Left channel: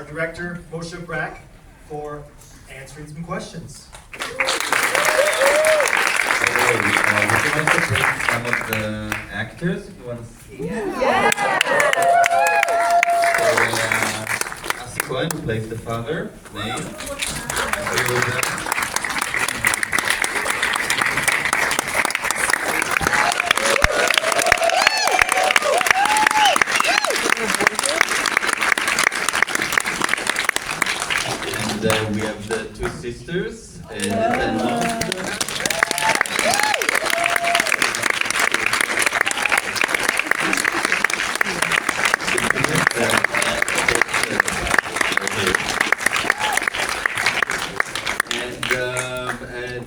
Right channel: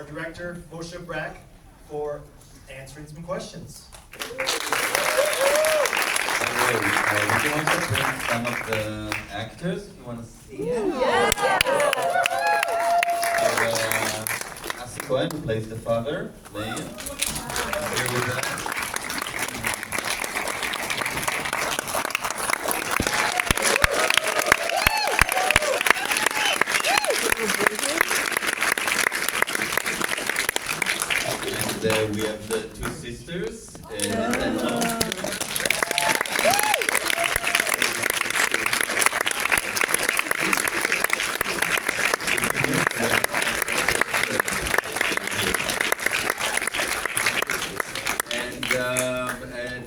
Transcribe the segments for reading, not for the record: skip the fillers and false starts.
our director, Moshe, for answering some questions. Would you want to bring some of the actors if you want to see? Yeah. So, Assi Cohen, who plays the father, name. Here with us. And we have the two sisters, Netta and Mom.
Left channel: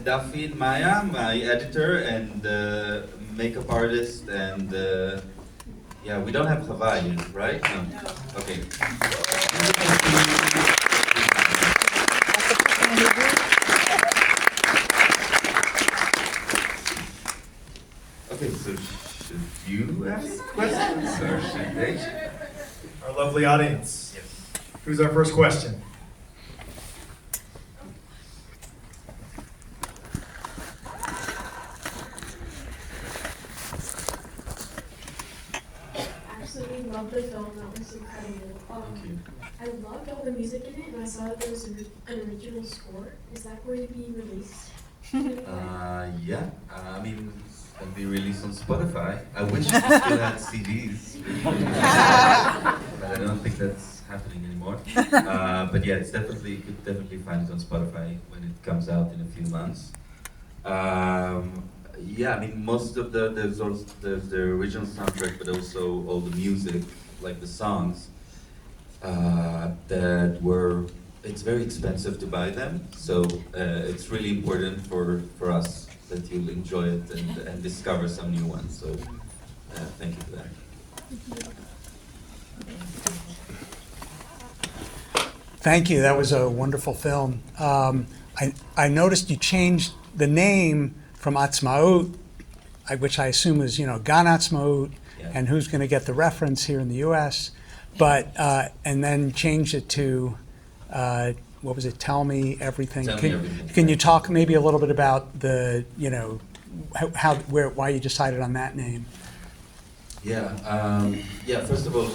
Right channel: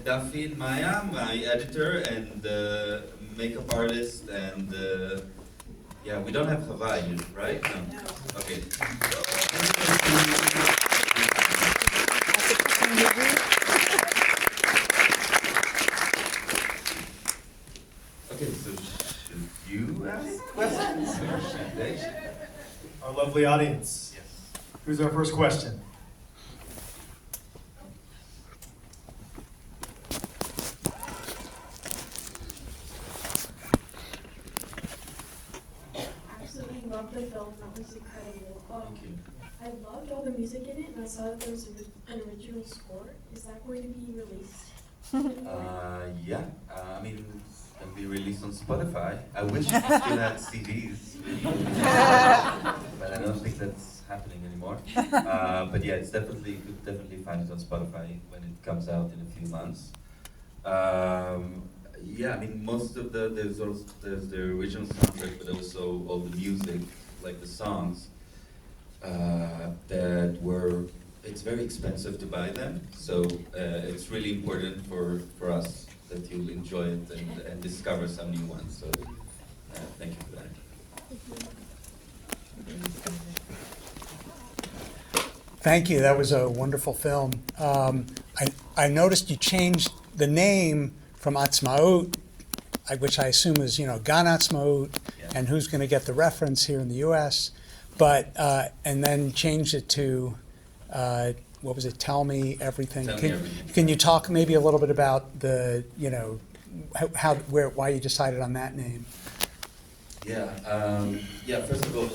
Duffy and Maya, my editor and makeup artist, and yeah, we don't have Hawaii, right? No. Okay. Okay, so should you ask questions or should they? Our lovely audience. Yes. Who's our first question? Loved the film, that was incredible. I loved all the music in it, and I saw that there was an original score. Is that going to be released? Yeah, I mean, it's going to be released on Spotify. I wish we still had CDs, but I don't think that's happening anymore. But yeah, it's definitely, you could definitely find it on Spotify when it comes out in a few months. Yeah, I mean, most of there's the original soundtrack, but also all the music, like the songs, that were, it's very expensive to buy them, so it's really important for us that you'll enjoy it and discover some new ones, so thank you for that. Thank you, that was a wonderful film. I noticed you changed the name from עצמאות, which I assume is, Gan עצמאות, Yeah. and who's going to get the reference here in the U.S., but and then changed it to, what was it, Tell Me Everything. Tell Me Everything, Can you right. talk maybe a little bit about the, why you decided on that name? Yeah, first of all,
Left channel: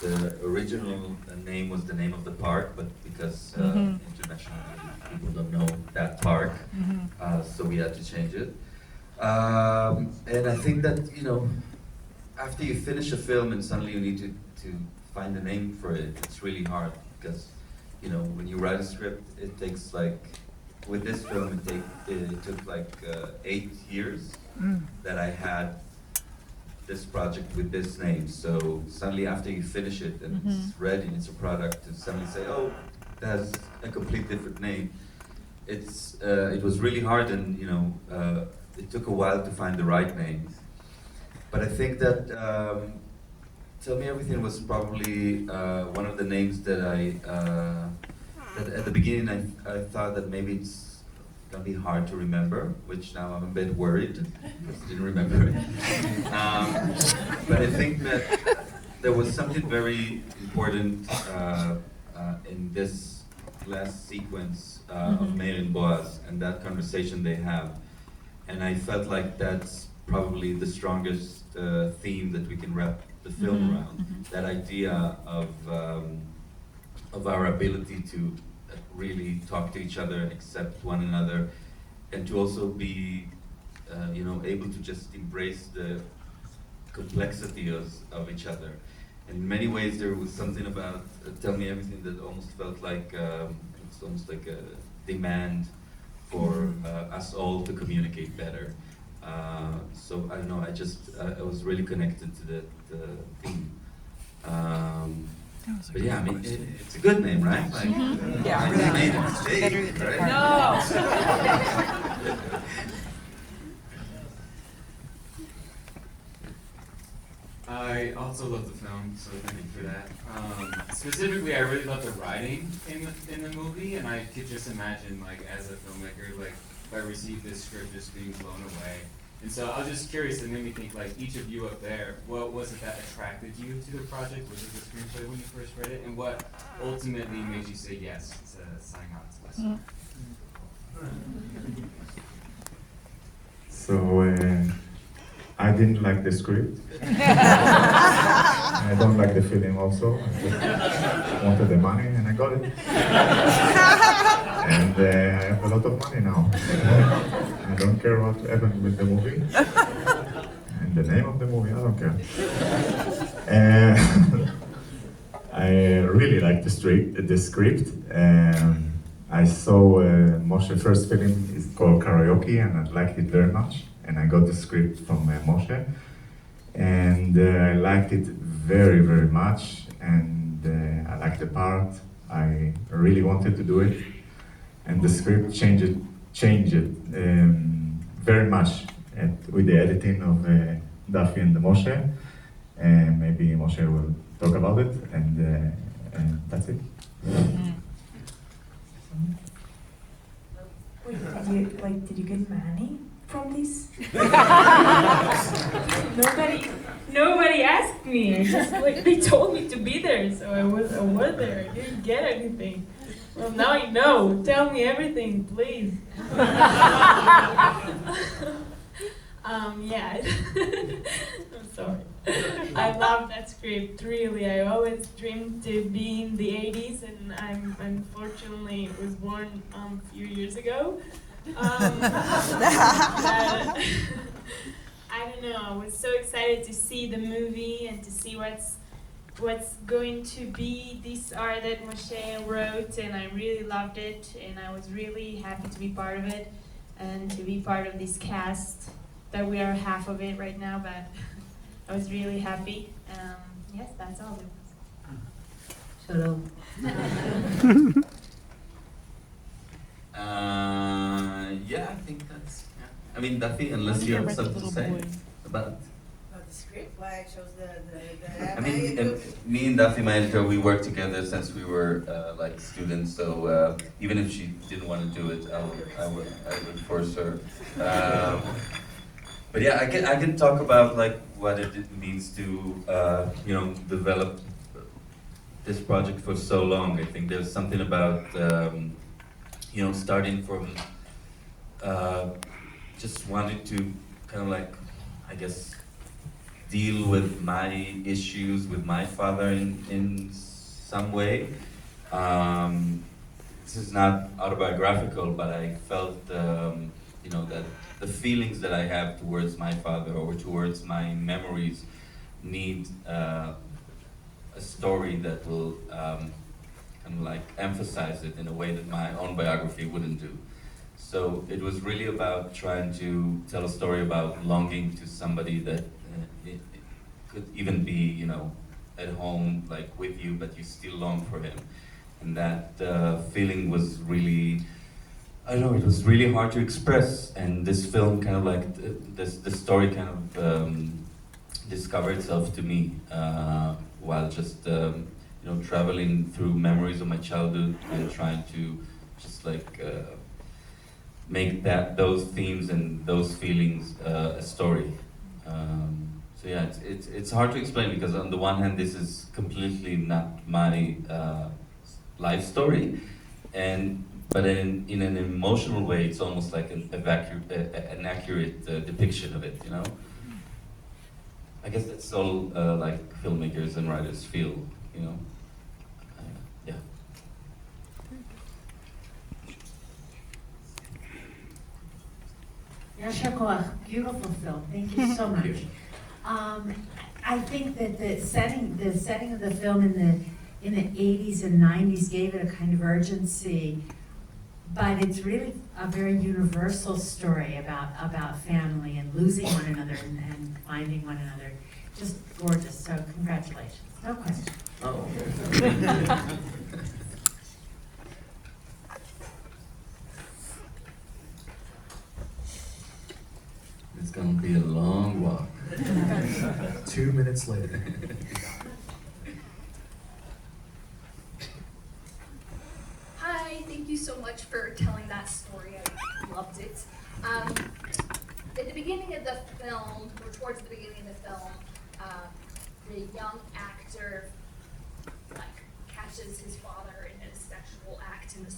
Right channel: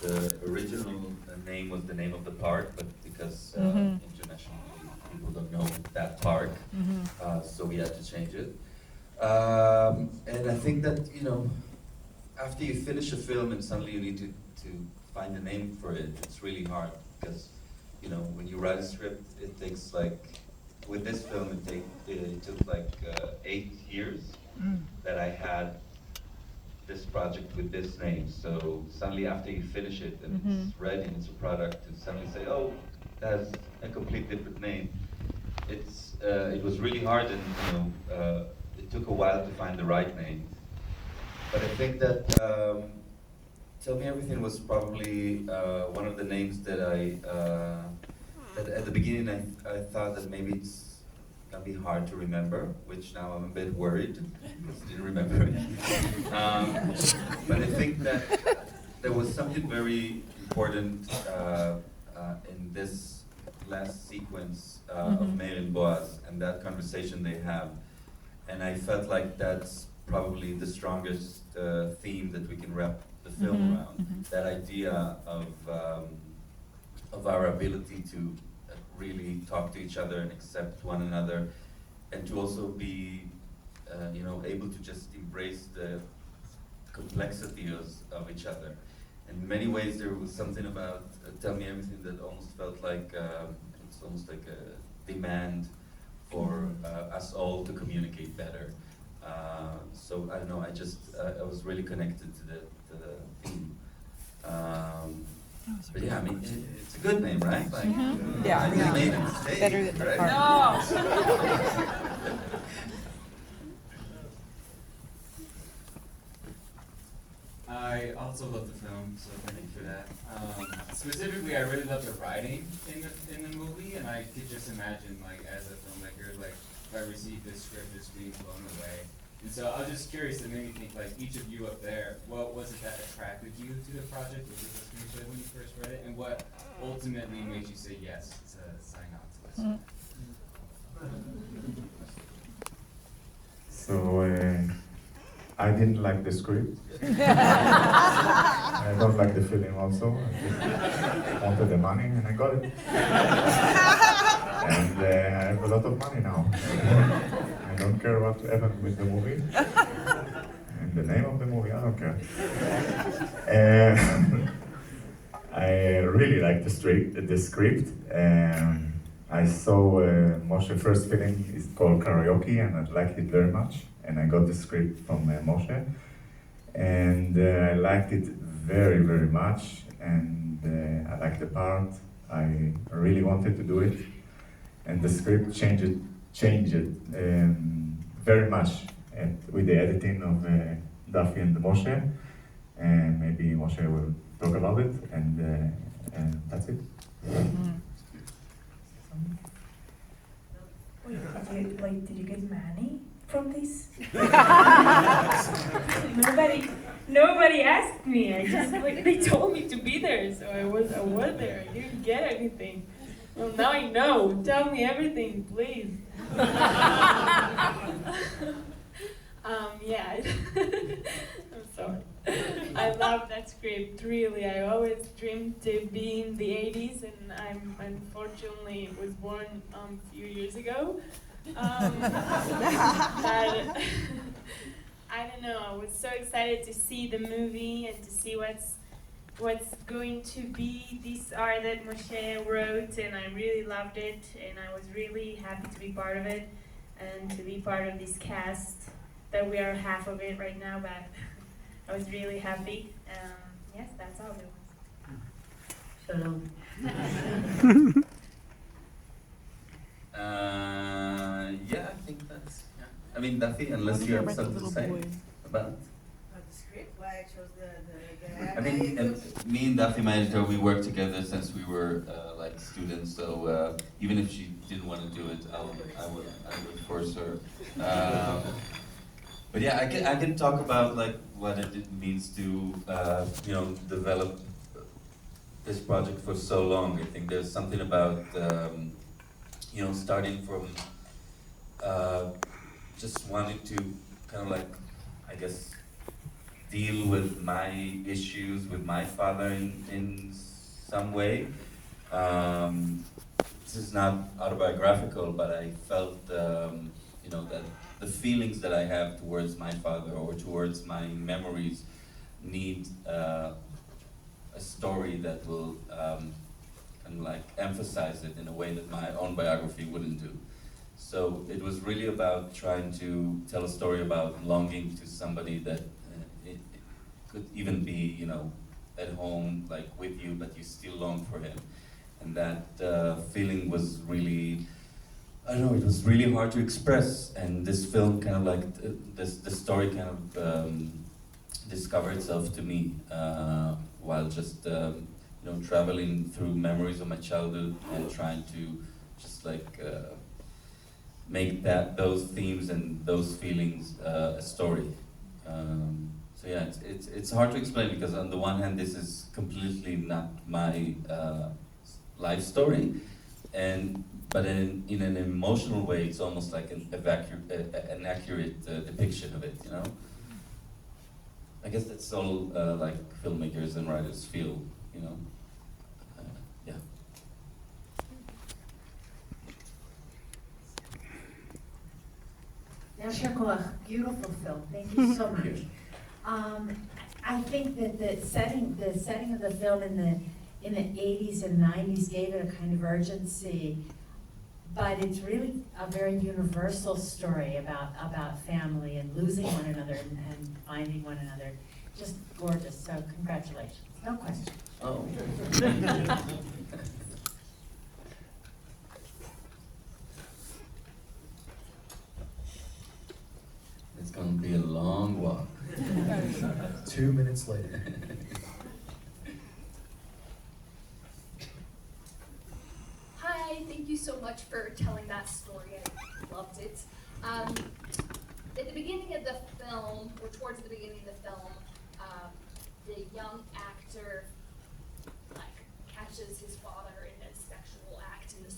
the original name was the name of the park, but because internationally people don't know that park, so we had to change it. And I think that, after you finish a film and suddenly you need to find a name for it, it's really hard because, when you write a script, it takes with this film, it took 8 years that I had this project with this name. So suddenly after you finish it and it's ready, it's a product, and suddenly say, oh, it has a complete different name. It was really hard, and it took a while to find the right name. But I think that Tell Me Everything was probably one of the names that that at the beginning I thought that maybe it's gonna be hard to remember, which now I'm a bit worried because I didn't remember it. But I think that there was something very important in this last sequence of Meir and Boaz and that conversation they have. And I felt like that's probably the strongest theme that we can wrap the film around. That idea of our ability to really talk to each other and accept one another, and to also be able to just embrace the complexity of each other. In many ways there was something about Tell Me Everything that almost felt like it's almost like a demand for us all to communicate better. So I don't know, I was really connected to that theme. But yeah, I mean, it's a good name, right? Yeah. I just made a mistake, right? No. I also love the film, so thank you for that. Specifically, I really love the writing in the movie, and I could just imagine, as a filmmaker, if I received this script, just being blown away. And so I was just curious, it made me think, each of you up there, what was it that attracted you to the project? Was it the screenplay when you first read it? And what ultimately made you say yes to signing on to this? So I didn't like the script. I don't like the feeling also. I just wanted the money and I got it. And I have a lot of money now. I don't care what happened with the movie. And the name of the movie, I don't care. I really like the script. I saw Moshe first film is called Karaoke, and I liked it very much. And I got the script from Moshe, and I liked it very, very much. And I liked the part. I really wanted to do it, and the script changed it very much with the editing of Duffy and Moshe. And maybe Moshe will talk about it, and that's it. Wait, did you get money from this? Nobody asked me. I just they told me to be there, so I was there. I didn't get anything. Well, now I know. Tell me everything, please. Yeah. I'm sorry. I love that script, really. I always dreamed to be in the 80s, and I'm unfortunately was born a few years ago. But, I don't know, I was so excited to see the movie and to see what's going to be this art that Moshe wrote, and I really loved it, and I was really happy to be part of it and to be part of this cast that we are half of it right now, but I was really happy. Yes, that's all. Shalom. Yeah, I think that's. I mean, Duffy, unless you have something to say about it. About the script, why I chose the I mean, me and Duffy, my editor, we worked together since we were like students. So even if she didn't want to do it, I would force her. But yeah, I can talk about like what it means to develop this project for so long. I think there's something about starting from just wanting to kind of like, I guess, deal with my issues with my father in some way. This is not autobiographical, but I felt that the feelings that I have towards my father or towards my memories need a story that will kind of like emphasize it in a way that my own biography wouldn't do. So it was really about trying to tell a story about longing to somebody that it could even be, at home, like with you, but you still long for him. And that feeling was really, I don't know, it was really hard to express. And this film kind of like, the story kind of discovered itself to me while just, traveling through memories of my childhood and trying to just like make those themes and those feelings a story. So yeah, it's hard to explain because on the one hand, this is completely not my life story, but in an emotional way, it's almost like an accurate depiction of it. I guess that's all like filmmakers and writers feel. Yeah. Yasher Koach, beautiful film. Thank you so much. I think that the setting of the film in the 80s and 90s gave it a kind of urgency, but it's really a very universal story about family and losing one another and finding one another. Just gorgeous. So congratulations. No question. Oh. It's gonna be a long walk. 2 minutes later. Hi, thank you so much for telling that story. I loved it. At the beginning of the film, or towards the beginning of the film, the young actor catches his father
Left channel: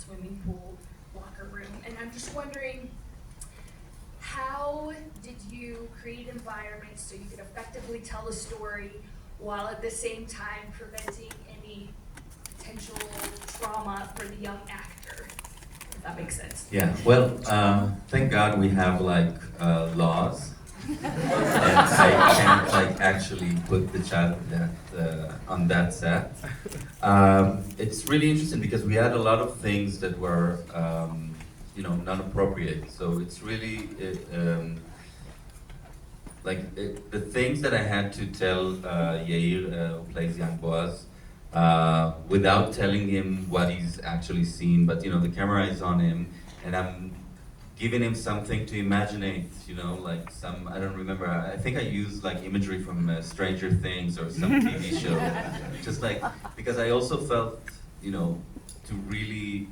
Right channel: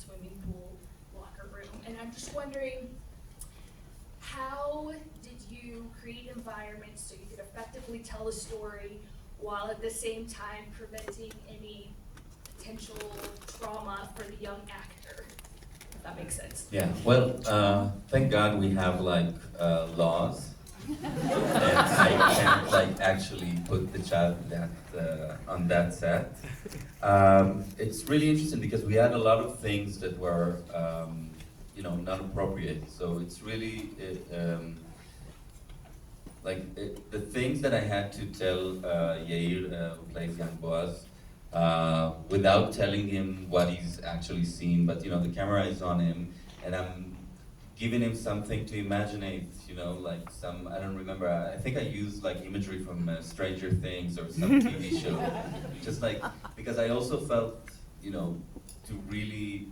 swimming pool, locker room. And I'm just wondering, how did you create environments so you could effectively tell a story while at the same time preventing any potential trauma for the young actor? If that makes sense. Yeah, well, thank God we have like laws, and I can't like actually put the child that on that set. It's really interesting because we had a lot of things that were, not appropriate. So it's really the things that I had to tell Yair, who plays young Boaz, without telling him what he's actually seen. But the camera is on him, and I'm giving him something to imaginate. Like some, I don't remember. I think I used like imagery from Stranger Things or some TV show, just like because I also felt, to really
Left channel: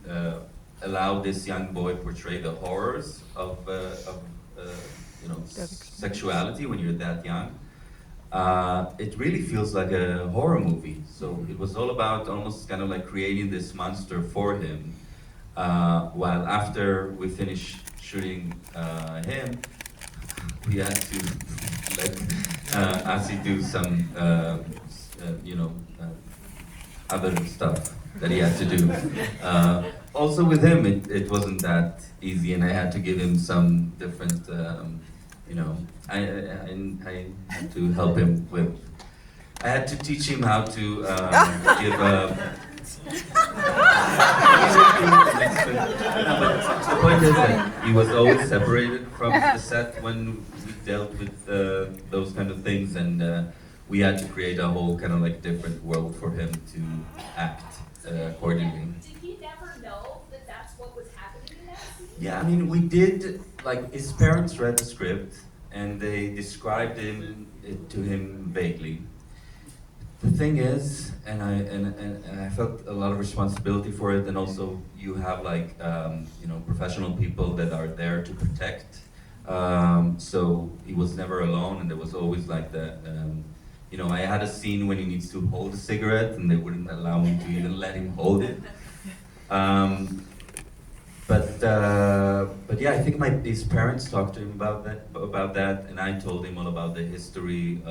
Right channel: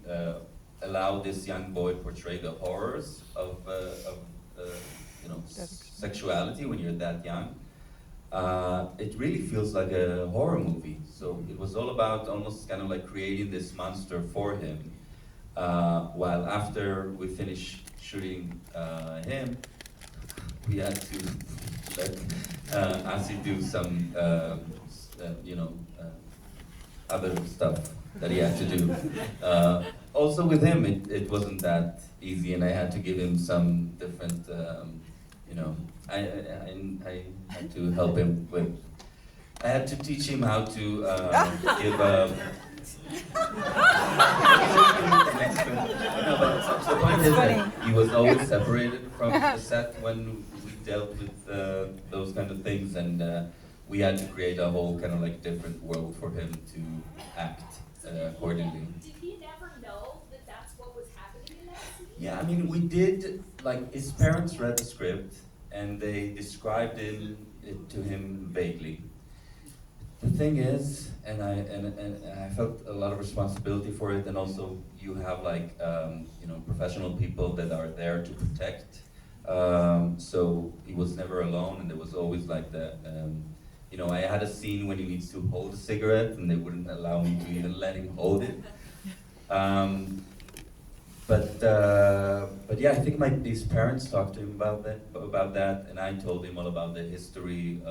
allow this young boy portray the horrors of sexuality when you're that young. It really feels like a horror movie. So it was all about almost kind of like creating this monster for him. While after we finished shooting him, we had to let Assi do some, other stuff that he had to do. Also with him, it wasn't that easy, and I had to give him some different, I had to help him with. I had to teach him how to give a. No, but the point is that he was always separated from the set when we dealt with those kind of things, and we had to create a whole kind of like different world for him to act accordingly. Did he never know that that's what was happening in that scene? Yeah, I mean, we did, like, his parents read the script, and they described it to him vaguely. The thing is, and I felt a lot of responsibility for it, and also you have like, professional people that are there to protect. So he was never alone, and there was always like I had a scene when he needs to hold a cigarette, and they wouldn't allow me to even let him hold it. But yeah, I think his parents talked to him about that, and I told him all about the history,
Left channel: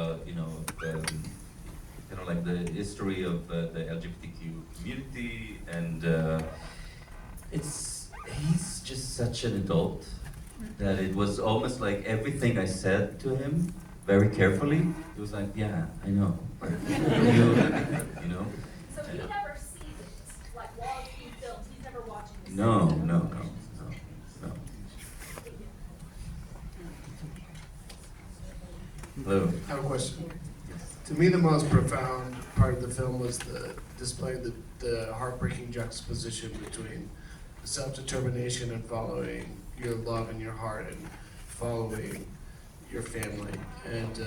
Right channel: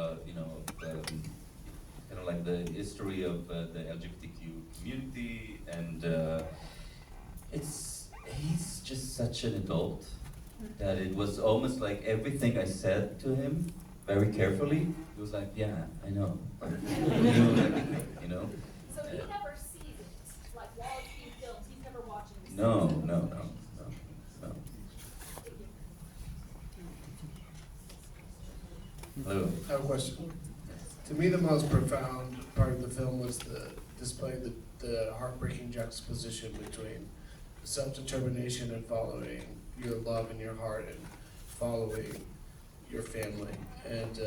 like the history of the LGBTQ community, and he's just such an adult that it was almost like everything I said to him very carefully. He was like, yeah, I know, like, So he never sees it, like while it's being filmed, he's never watching it. No. Hello. I have a question. To me, the most profound part of the film was displaying the heartbreaking juxtaposition between self-determination and following your love in your heart and following your family and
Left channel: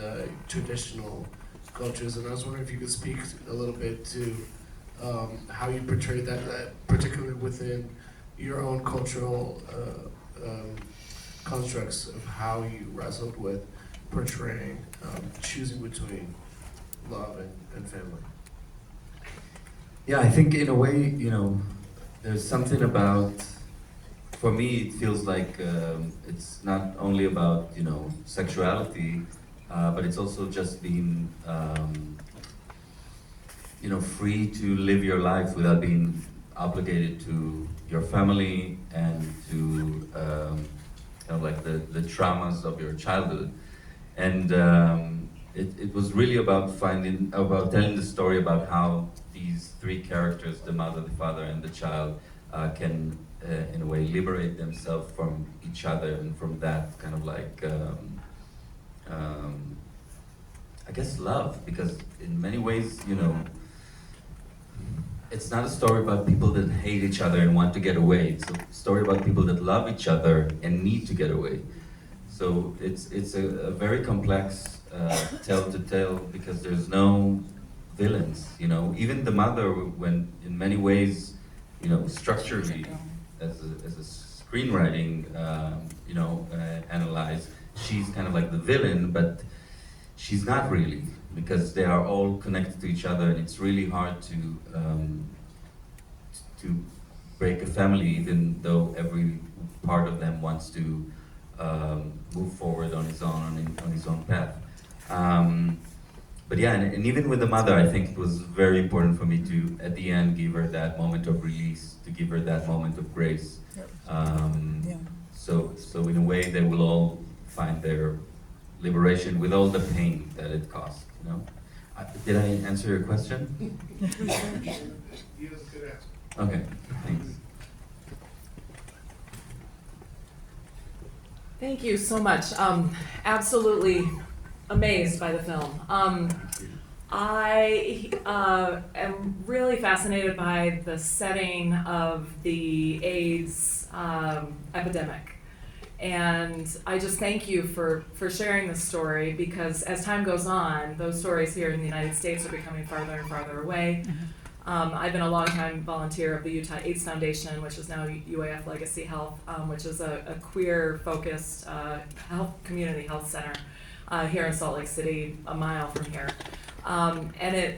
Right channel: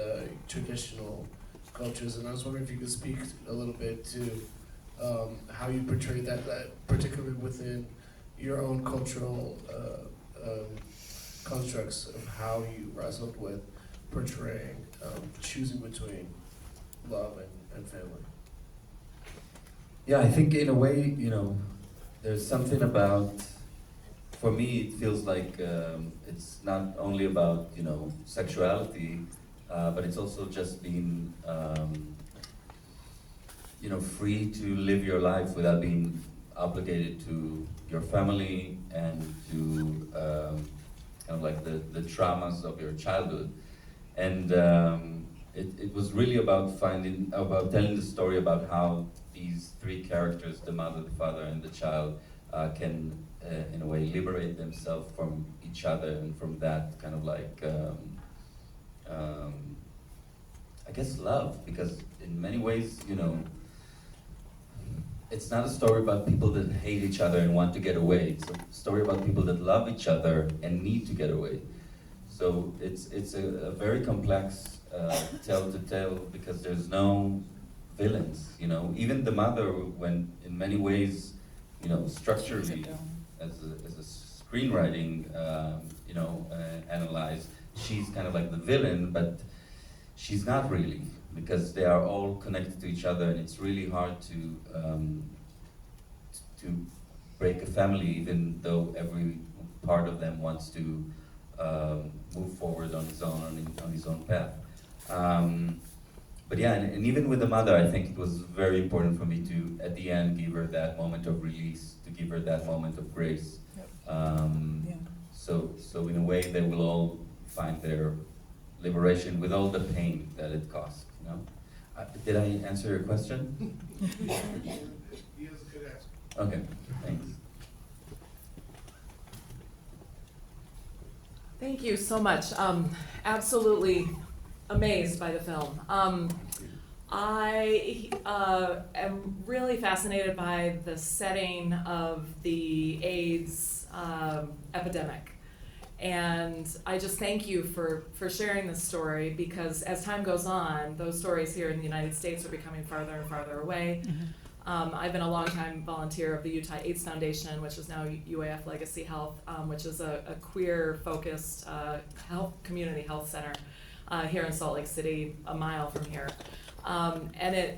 traditional cultures. And I was wondering if you could speak a little bit to how you portray that particularly within your own cultural constructs of how you wrestled with portraying, choosing between love and family. Yeah, I think in a way, there's something about, for me, it feels like it's not only about, sexuality, but it's also just being, free to live your life without being obligated to your family and to, the traumas of your childhood. And it was really about telling the story about how these three characters, the mother, the father, and the child, can, in a way, liberate themselves from each other and from that kind of like, I guess, love. Because in many ways, it's not a story about people that hate each other and want to get away. It's a story about people that love each other and need to get away. So it's a very complex tale to tell because there's no villains, Even the mother, when in many ways, structurally, as a screenwriting, analyzed, she's kind of like the villain, but she's not really, because they are all connected to each other, and it's really hard to break a family, even though every part of them wants to move forward on his own path. But yeah, and even with the mother, I think it was very important for me to, at the end, give her that moment of release, to give her that moment of grace. So in a way, they will all find their liberation with all the pain that it cost. You know, did I answer your question? Okay, thanks. Thank you so much. Absolutely amazed by the film. I am really fascinated by the setting of the AIDS epidemic. And I just thank you for sharing this story, because as time goes on, those stories here in the United States are becoming farther and farther away. I've been a longtime volunteer of the Utah AIDS Foundation, which is now UAF Legacy Health, which is a queer-focused community health center here in Salt Lake City, a mile from here. And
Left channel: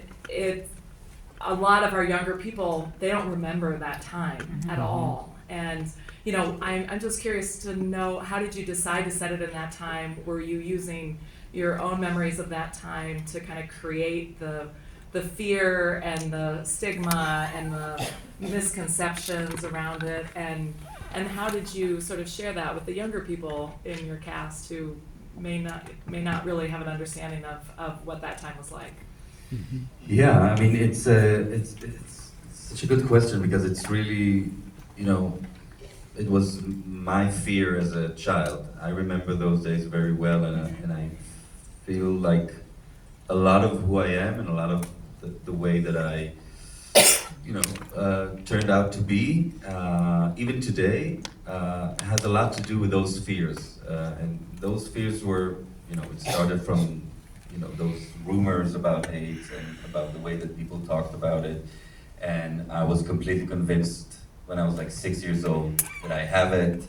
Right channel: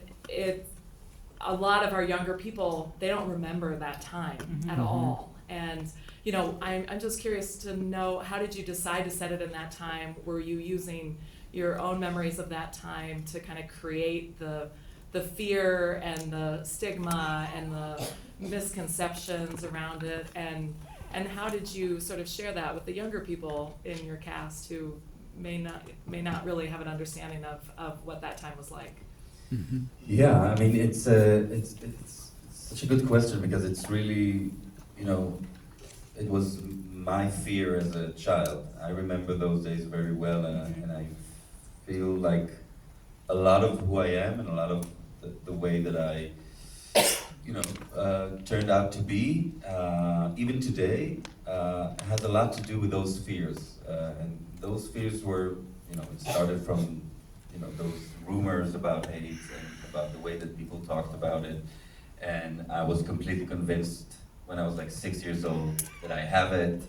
a lot of our younger people, they don't remember that time at all. And you know, I'm just curious to know, how did you decide to set it in that time? Were you using your own memories of that time to kind of create the fear and the stigma and the misconceptions around it, and how did you sort of share that with the younger people in your cast who may not really have an understanding of what that time was like? Yeah, I mean, it's such a good question, because it's really, you know, it was my fear as a child. I remember those days very well, and I feel like a lot of who I am and a lot of the way that I, you know, turned out to be, even today, has a lot to do with those fears. And those fears were, you know, it started from, you know, those rumors about AIDS and about the way that people talked about it. And I was completely convinced when I was like 6 years old that I have it.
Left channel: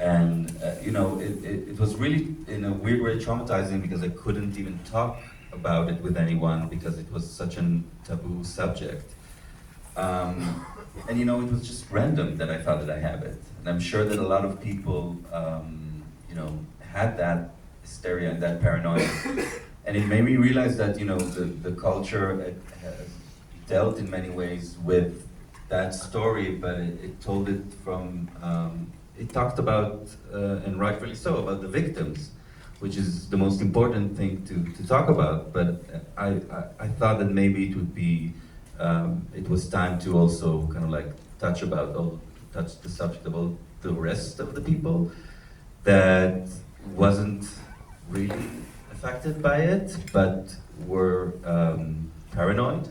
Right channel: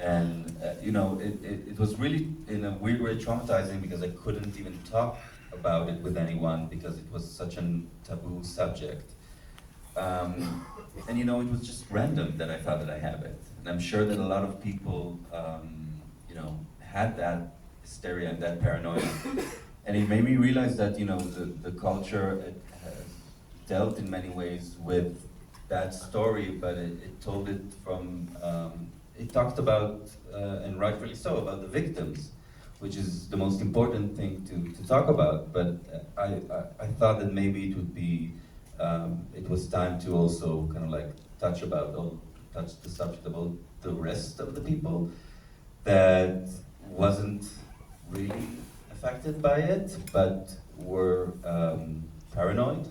And, you know, it was really, in a weird way, traumatizing, because I couldn't even talk about it with anyone because it was such a taboo subject. And you know, it was just random that I found that I have it. And I'm sure that a lot of people, you know, had that hysteria and that paranoia. And it made me realize that, you know, the culture has dealt in many ways with that story, but it told it from, it talked about, and rightfully so, about the victims, which is the most important thing to talk about. But I thought that maybe it would be, it was time to also kind of like touch the subject about the rest of the people that wasn't really affected by it, but were paranoid,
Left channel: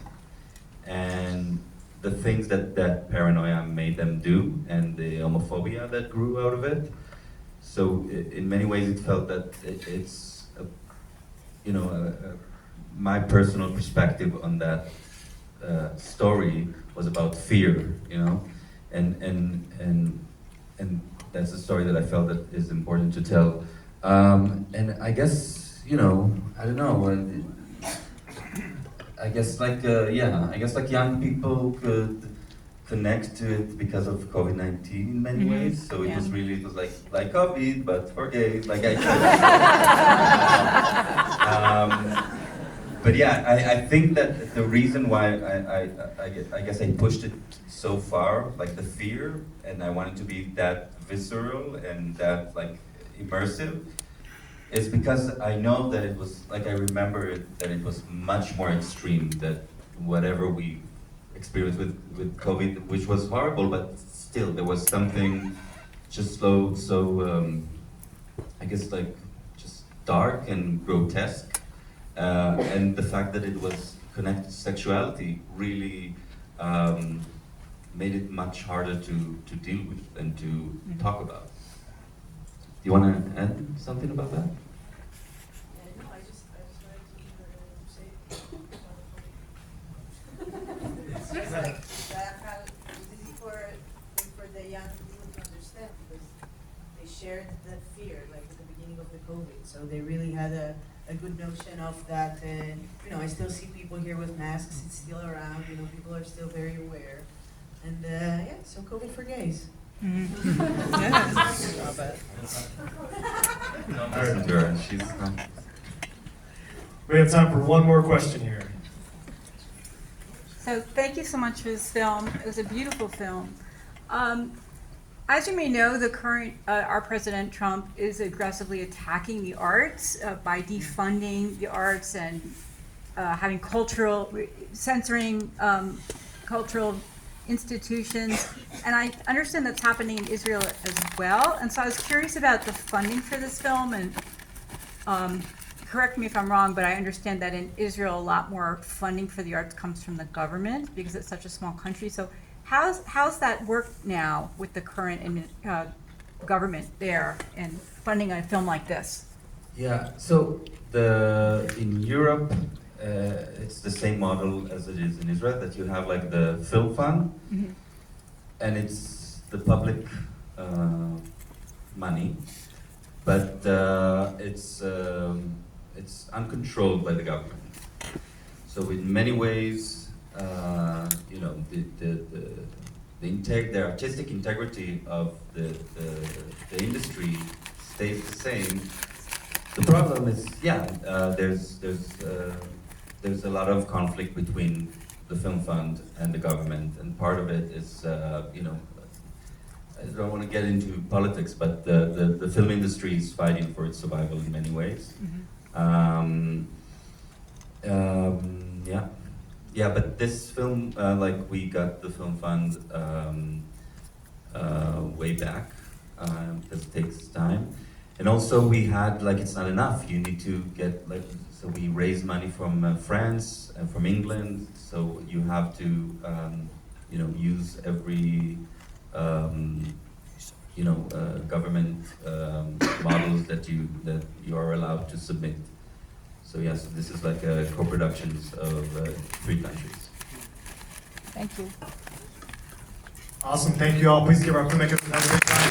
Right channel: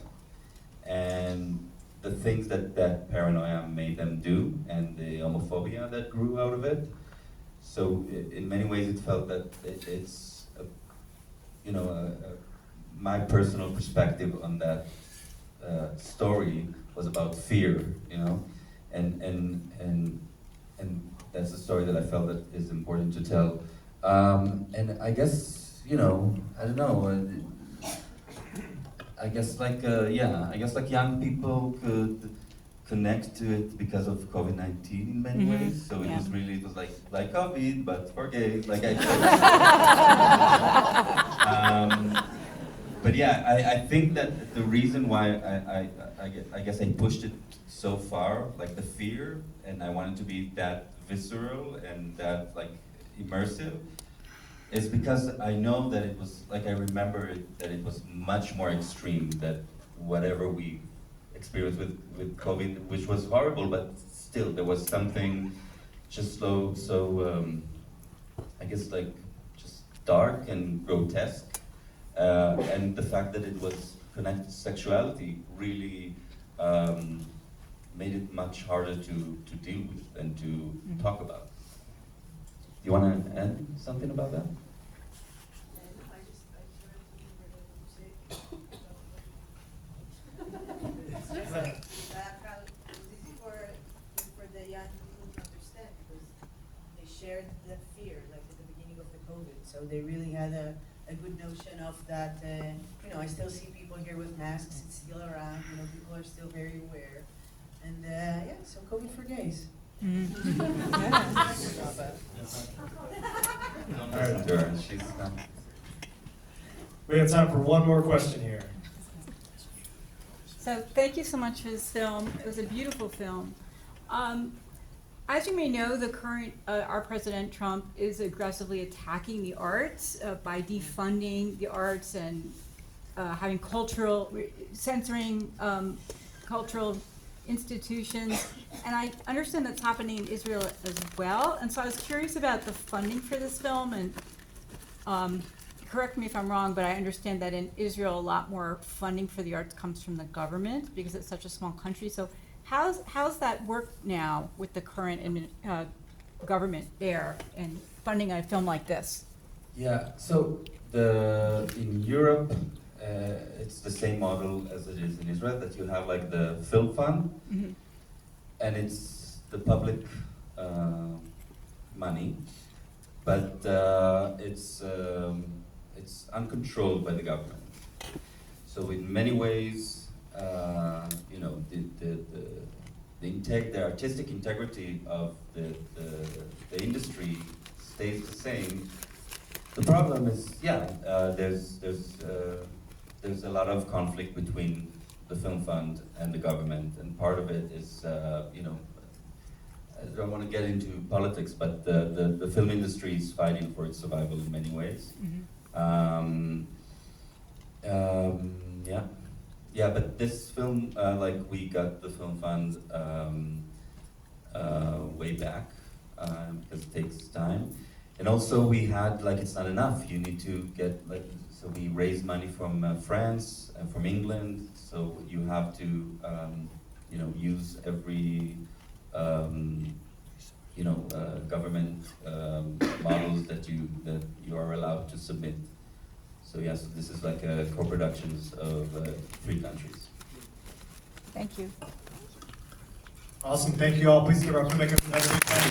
and the things that paranoia made them do, and the homophobia that grew out of it. So in many ways it felt that it's, you know, my personal perspective on that story was about fear, you know, and that's a story that I felt that is important to tell. And I guess, you know, I don't know, I guess like, yeah, I guess like young people could connect to it because of COVID-19 in many ways. So it was really, it was like COVID, but for gays, like I but yeah, I think that the reason why I guess I pushed it so far, like the fear, and I wanted to be that visceral and that like immersive, is because I know that it was, like I remember it, that it was much more extreme than whatever we experienced with COVID, which was horrible, but still there was something just so I guess like just dark and grotesque, and the fact that it was connected to sexuality really made it much harder to deal with and to talk about. Do you want to add something about that? No, I just wanted to say that how this is for the young people to understand, because they shared the fear like at the beginning of the COVID, so they really had a good notion of that. You know, I still see people here with masks; it's still around. You know, people are still very aware, and yeah, So COVID for gays. Don't listen to her. She's not. We have time for one more question here. So thank you so much for this film. It was a beautiful film. As you may know, the current, our President Trump is aggressively attacking the arts by defunding the arts and having censoring cultural institutions. And I understand that's happening in Israel as well. And so I was curious about the funding for this film, and correct me if I'm wrong, but I understand that in Israel, a lot more funding for the arts comes from the government because it's such a small country. So how's that work now with the current government there and funding a film like this? Yeah, so in Europe, it's the same model as it is in Israel, that you have like the film fund, and it's the public money, but it's uncontrolled by the government. So in many ways, you know, the artistic integrity of the industry stays the same. The problem is, there's a lot of conflict between the film fund and the government, and part of it is, you know, I don't want to get into politics, but the film industry is fighting for its survival in many ways. Yeah, but this film, like we got the film fund way back, because it takes time. And also we had, like, it's not enough. You need to get, like, so we raised money from France and from England. So you have to, you know, use every, you know, government models that you are allowed to submit. So yes, so this is like co-productions of 3 countries. Thank you. Awesome, thank you all. Please give our filmmakers another big round.